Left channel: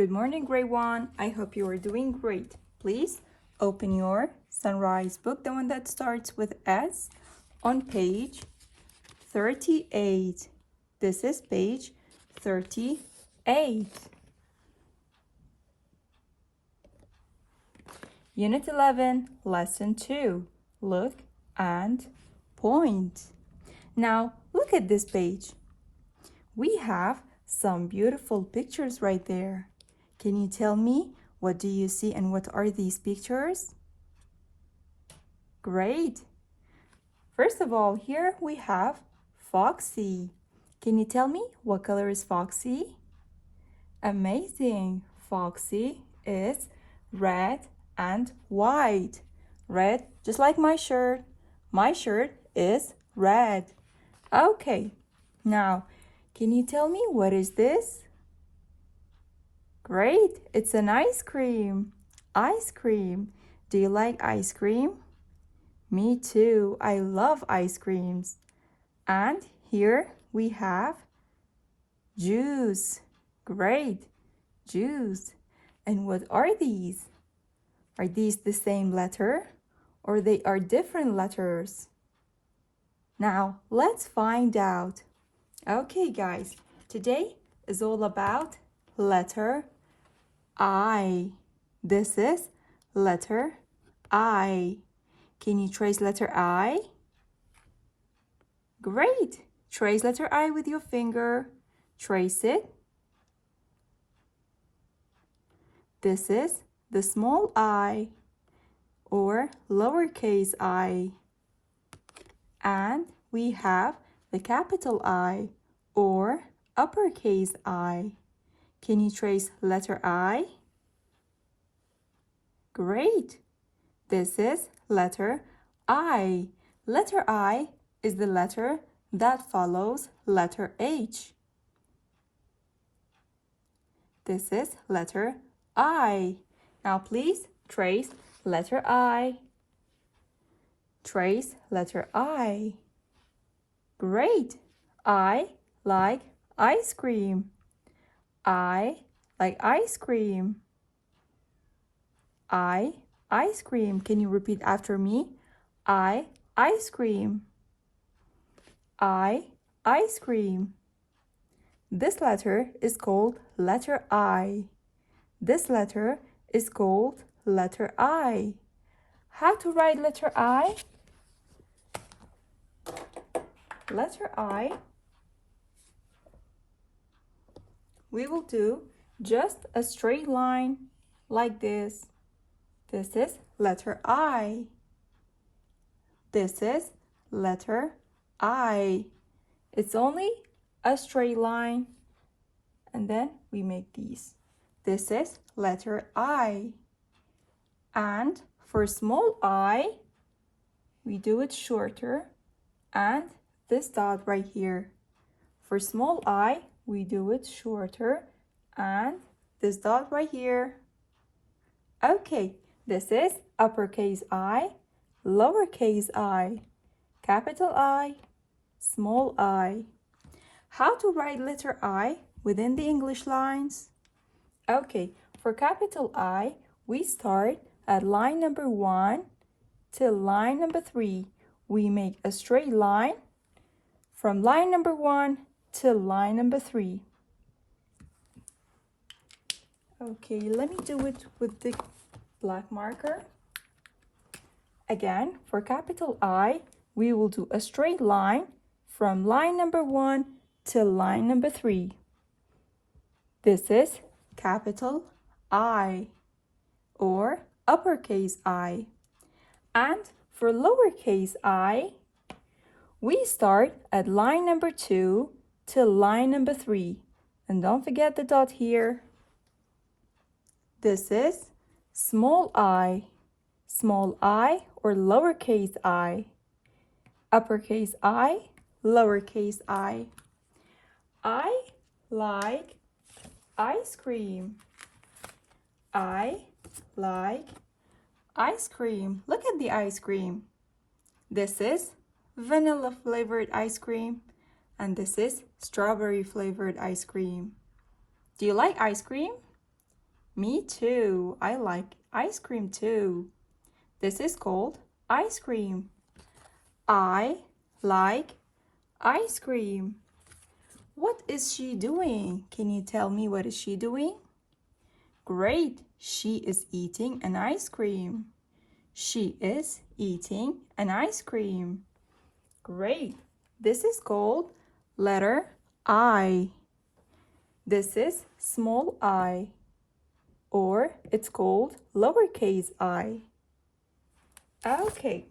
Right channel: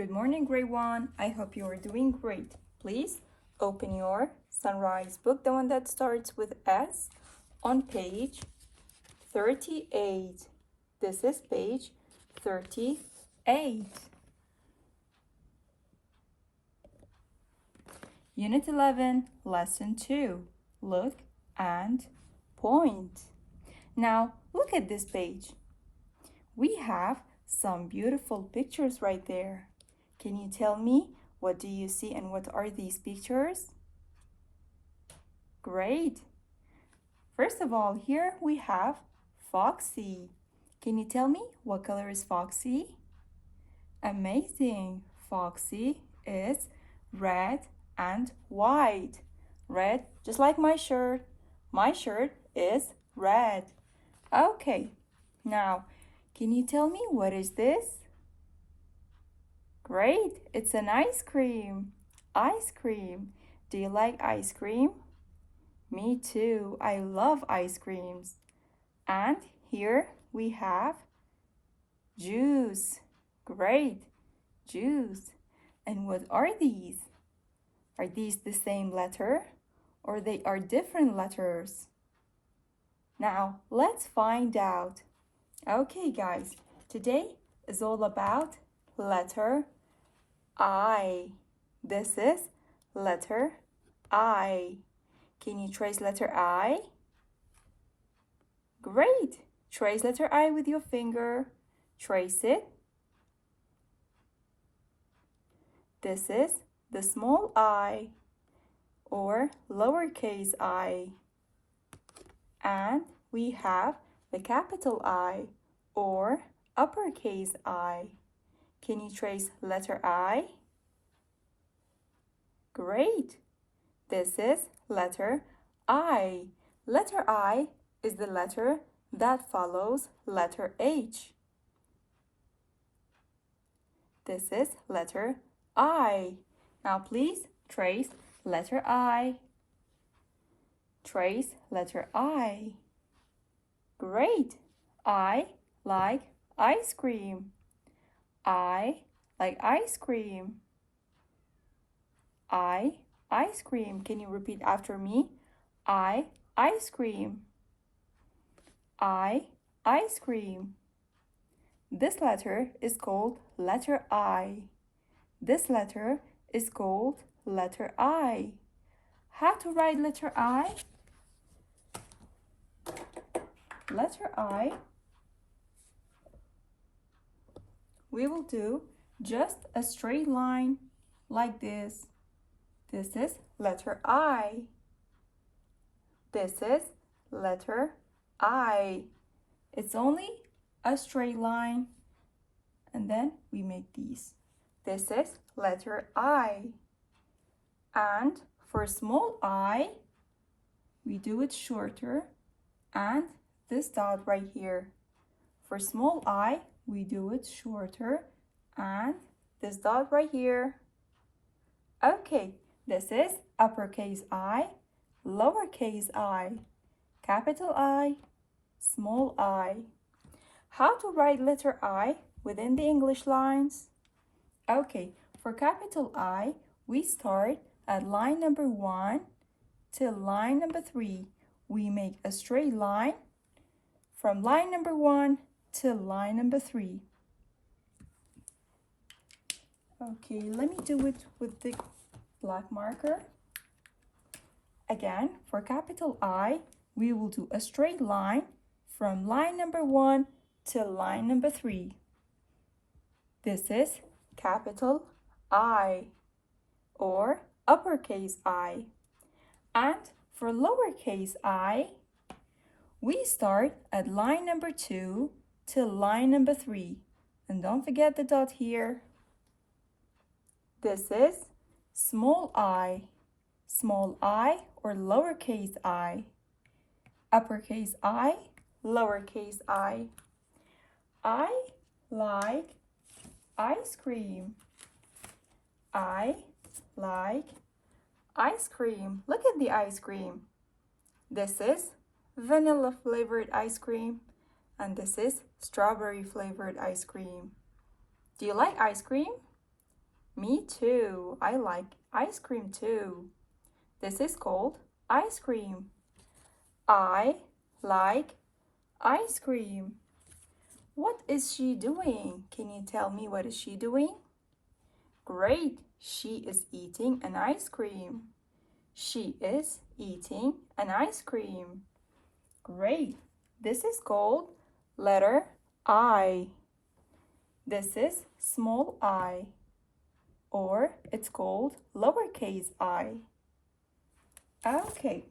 Good morning, grade 1. I hope you are doing great. Please open your Sunrise book, the one that starts with S, on page 38. This is page 38. Unit 11, Lesson 2. Look and point. Now, look at this page. We have some beautiful pictures right there. Can you tell me what do you see and what are these pictures? Great. First of all, here we have Foxy. Can you tell me what color is Foxy? Amazing. Foxy is red and white. Red, just like my shirt. My shirt is red. Okay, now, can you tell me what is this? Great, it's an ice cream. Ice cream. Do you like ice cream? Me too, I love ice creams. And here we have juice. Great, juice. And what are these? Are these the same letter or they are different letters? Now, let's find out. Okay, guys, today is all about letter I. This is letter I. Can you trace letter I? Great. Trace letter I with your finger. Trace it. This is the small I or lowercase I. And we have the capital I or uppercase I. Can you trace letter I? Great. This is letter I. Letter I is the letter that follows letter H. This is letter I. Now please trace letter I. Trace letter I. Great. I like ice cream. I like ice cream. I ice cream. Can you repeat after me? I ice cream. I ice cream. This letter is called letter I. This letter is called letter I. How to write letter I? Letter I, we will do just a straight line like this. This is letter I. This is letter I. It's only a straight line. And then we make these. This is letter I. And for small I, we do it shorter and this dot right here. For small I, we do it shorter and this dot right here. Okay, this is uppercase I, lowercase I, capital I, small I. How to write letter I within the English lines? Okay, for capital I, we start at line number 1 till line number 3. We make a straight line from line number 1 till line number 3. Okay, let me do it with the black marker. Again, for capital I, we will do a straight line from line number 1 till line number 3. This is capital I or uppercase I. And for lowercase I, we start at line number 2 till line number 3. And don't forget the dot here. This is small I or lowercase I. Uppercase I, lowercase I. I like ice cream. I like ice cream. Look at the ice cream. This is vanilla flavored ice cream and this is strawberry flavored ice cream. Do you like ice cream? Me too. I like ice cream too. This is called ice cream. I like ice cream. What is she doing? Can you tell me what is she doing? Great. She is eating an ice cream. She is eating an ice cream. Great. This is called letter I. This is small I, or it's called lowercase I. Okay.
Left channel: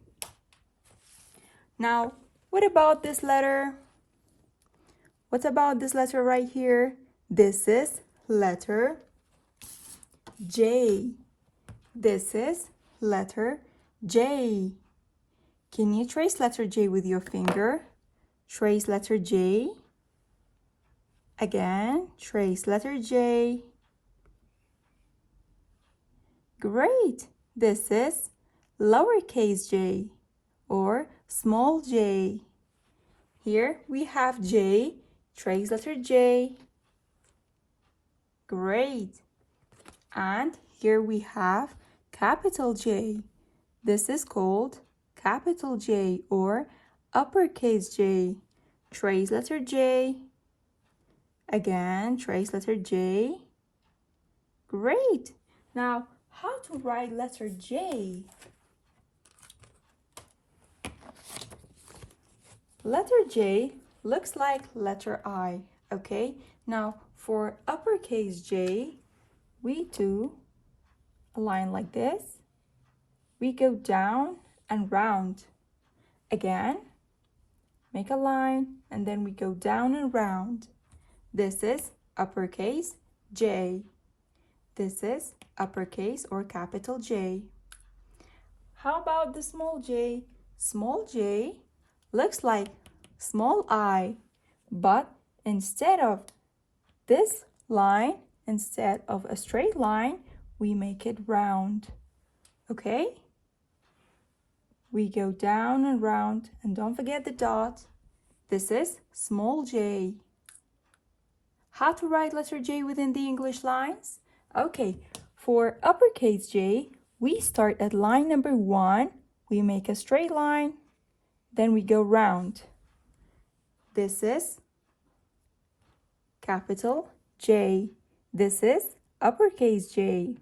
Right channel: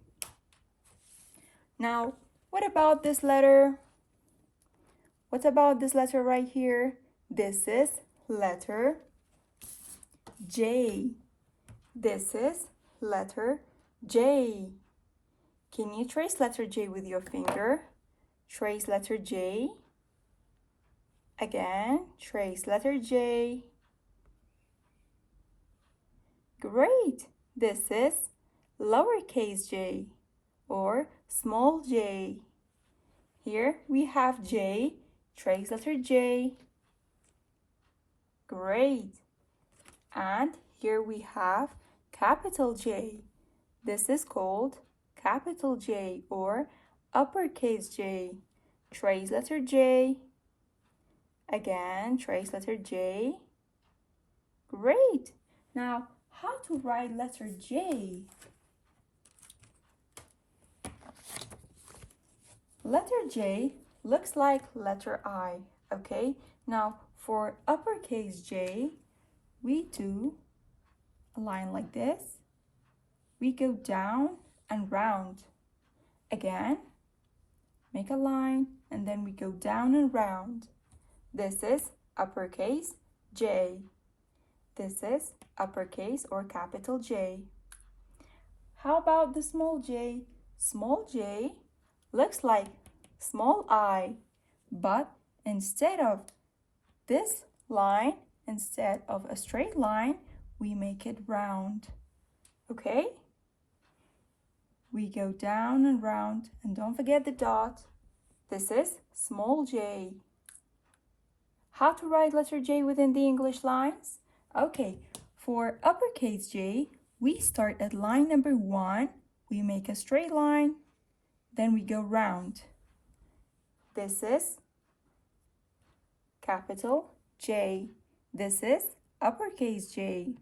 Now, what about this letter? What about this letter right here? This is letter J. This is letter J. Can you trace letter J with your finger? Trace letter J. Again, trace letter J. Great! This is lowercase j or small j. Here we have J, trace letter J. Great! And here we have capital J. This is called capital J or uppercase J. Trace letter J. Again, trace letter J. Great! Now, how to write letter J? Letter J looks like letter I, okay? Now, for uppercase J, we do a line like this. We go down and round. Again, make a line, and then we go down and round. This is uppercase J. This is uppercase or capital J. How about the small j? Small j looks like small I, but instead of this line, instead of a straight line, we make it round. Okay? We go down and round, and don't forget the dot. This is small j. How to write letter J within the English lines? Okay, for uppercase J, we start at line number 1, we make a straight line, then we go round. This is capital J. This is uppercase J.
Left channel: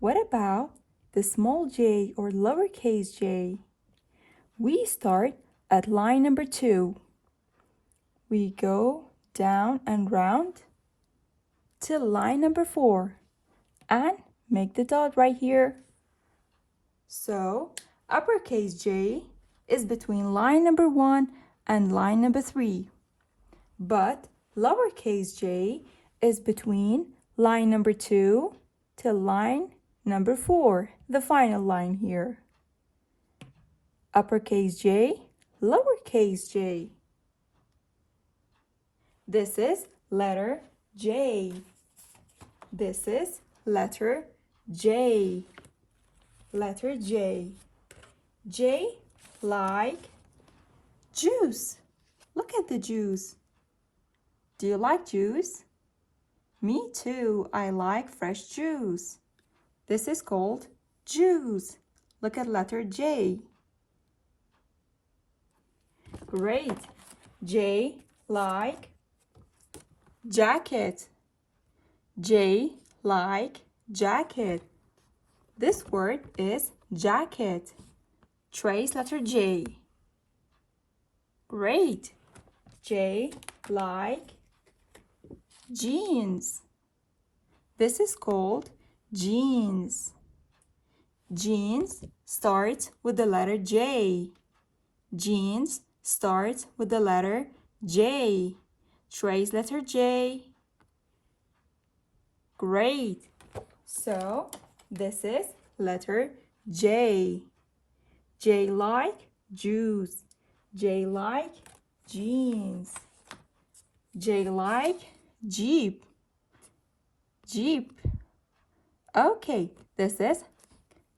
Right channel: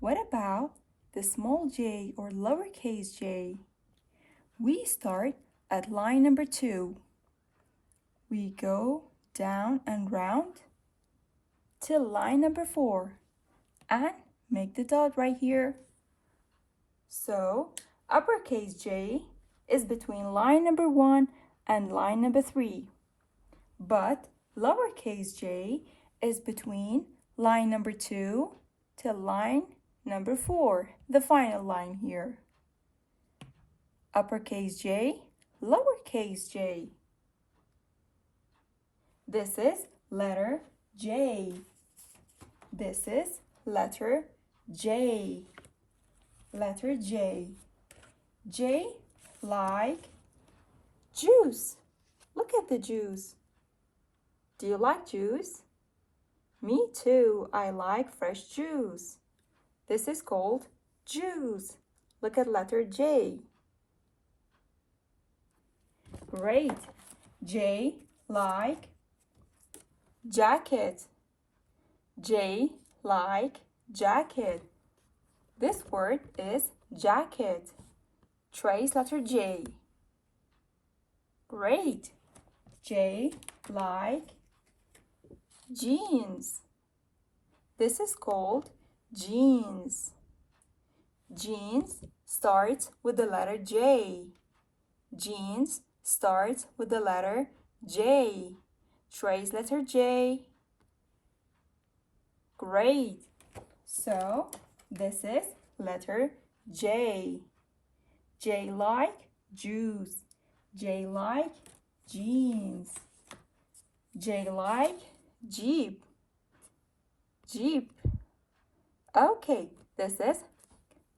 What about the small j or lowercase j? We start at line number 2. We go down and round till line number 4 and make the dot right here. So uppercase J is between line number 1 and line number 3, but lowercase j is between line number 2 till line number 4, the final line here. Uppercase J, lowercase j. This is letter J. This is letter J. Letter J. J like juice. Look at the juice. Do you like juice? Me too. I like fresh juice. This is called juice. Look at letter J. Great. J like jacket. J like jacket. This word is jacket. Trace letter J. Great. J like jeans. This is called jeans. Jeans starts with the letter J. Jeans starts with the letter J. Trace letter J. Great. So this is letter J. J like juice. J like jeans. J like jeep. Jeep. Okay, this is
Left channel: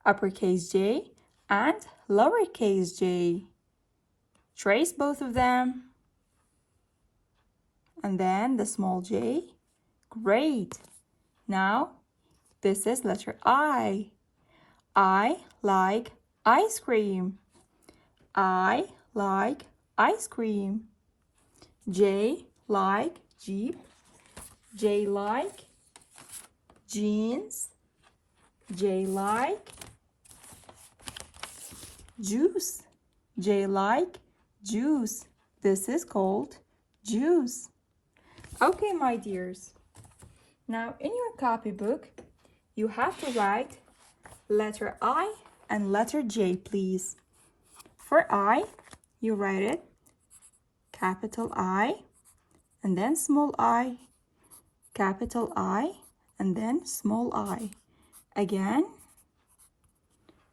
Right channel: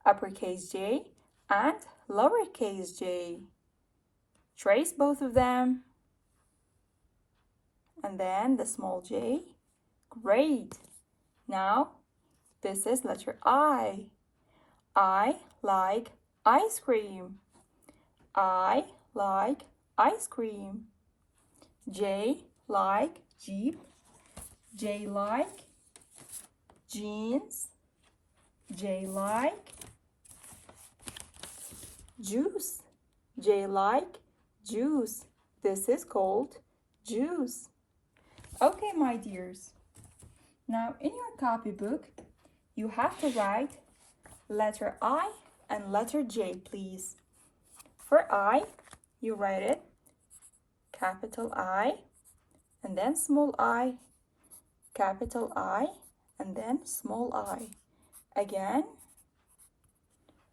uppercase J and lowercase j. Trace both of them. And then the small j. Great. Now, This is letter I. I like ice cream. I like ice cream. J like Jeep. J like jeans. J like juice. J like juice. This is called juice. Okay, my dears. Now in your copybook, you have to write letter I and letter J, please. For I, you write it capital I, and then small I, capital I, and then small I. Again,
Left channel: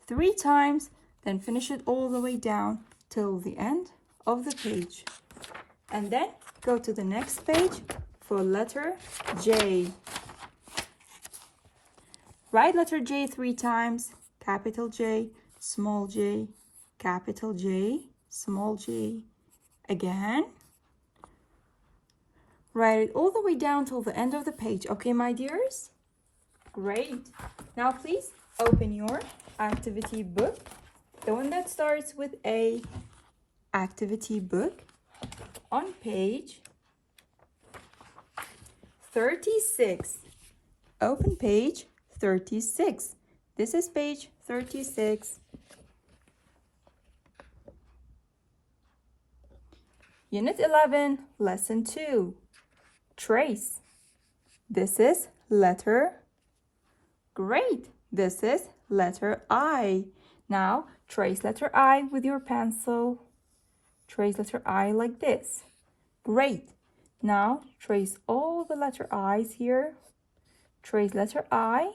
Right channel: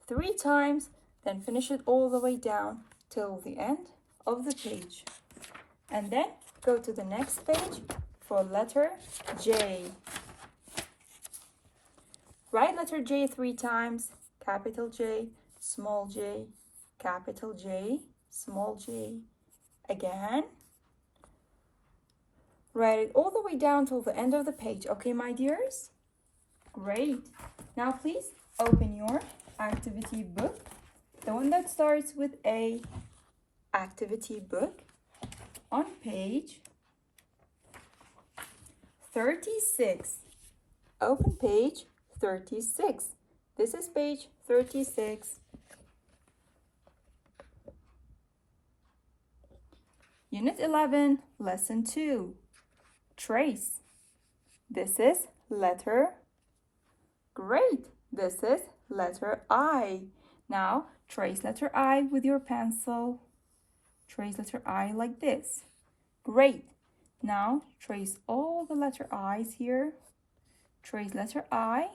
3 times, then finish it all the way down till the end of the page. And then go to the next page for letter J. Write letter J 3 times, capital J, small j, capital J, small j. Again, write it all the way down till the end of the page. Okay, my dears? Great. Now please open your activity book, the one that starts with A. Activity book on page 36. Open page 36. This is page 36. Unit 11, Lesson 2. Trace. This is letter. Great. This is letter I. Now, trace letter I with your pencil. Trace letter I like this. Great. Now, trace all the letter I's here. Trace letter I.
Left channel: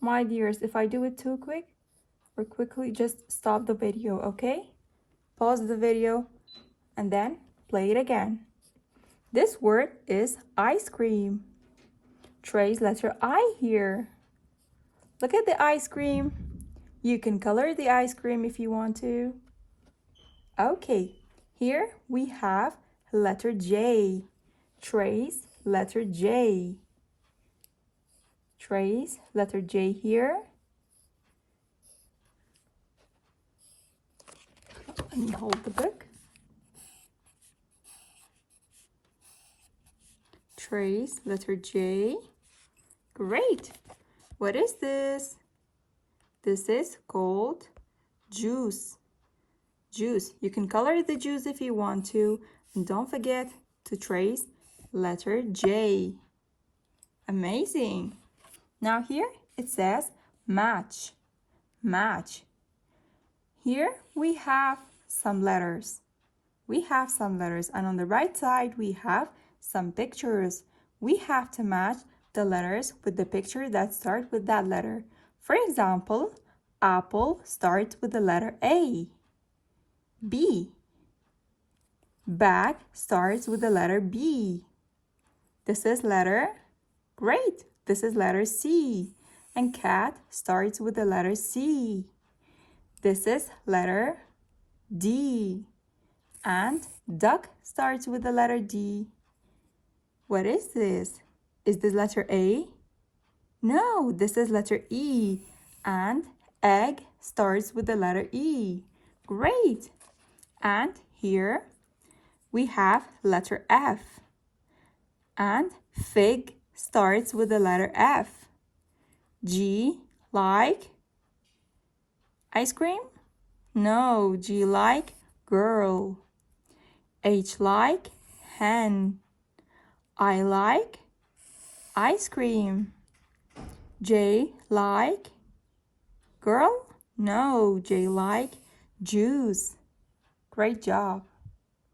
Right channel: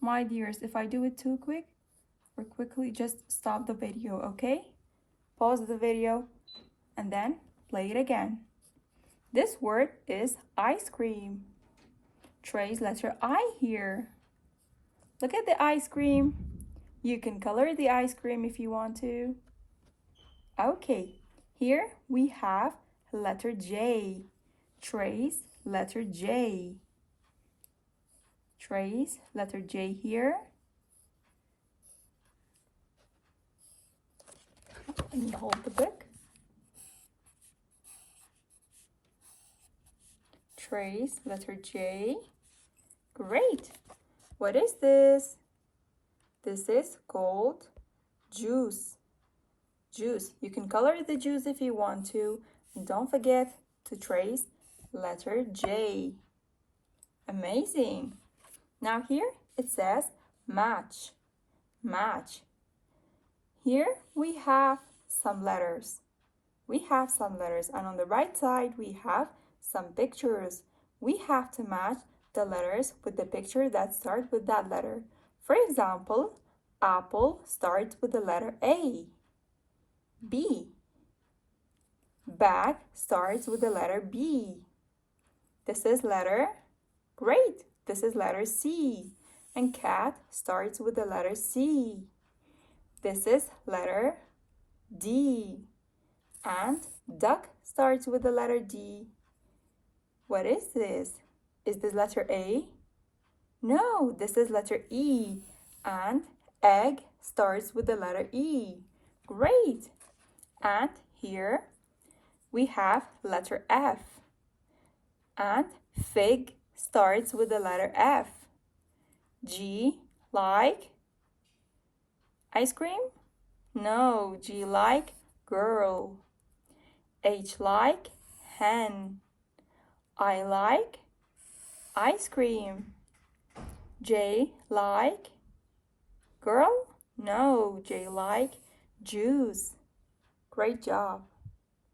My dears, if I do it too quick or quickly, just stop the video, okay? Pause the video and then play it again. This word is ice cream. Trace letter I here. Look at the ice cream. You can color the ice cream if you want to. Okay, here we have letter J. Trace letter J. Trace letter J here. Let me hold the book. Trace letter J. Great. What is this? This is called juice. Juice. You can color the juice if you want to. And don't forget to trace letter J. Amazing. Now here it says match. Match. Here we have some letters. And on the right side we have some pictures. We have to match the letters with the picture that starts with that letter. For example, apple starts with the letter A. B. Bag starts with the letter B. This is letter. Great. This is letter C. And cat starts with the letter C. This is letter D. And duck starts with the letter D. What is this? Is this letter A? No, this is letter E. And egg starts with the letter E. Great. And here we have letter F. And fig starts with the letter F. G like ice cream? No, G like girl. H like hen. I like ice cream. J like girl? No, J like juice. Great job.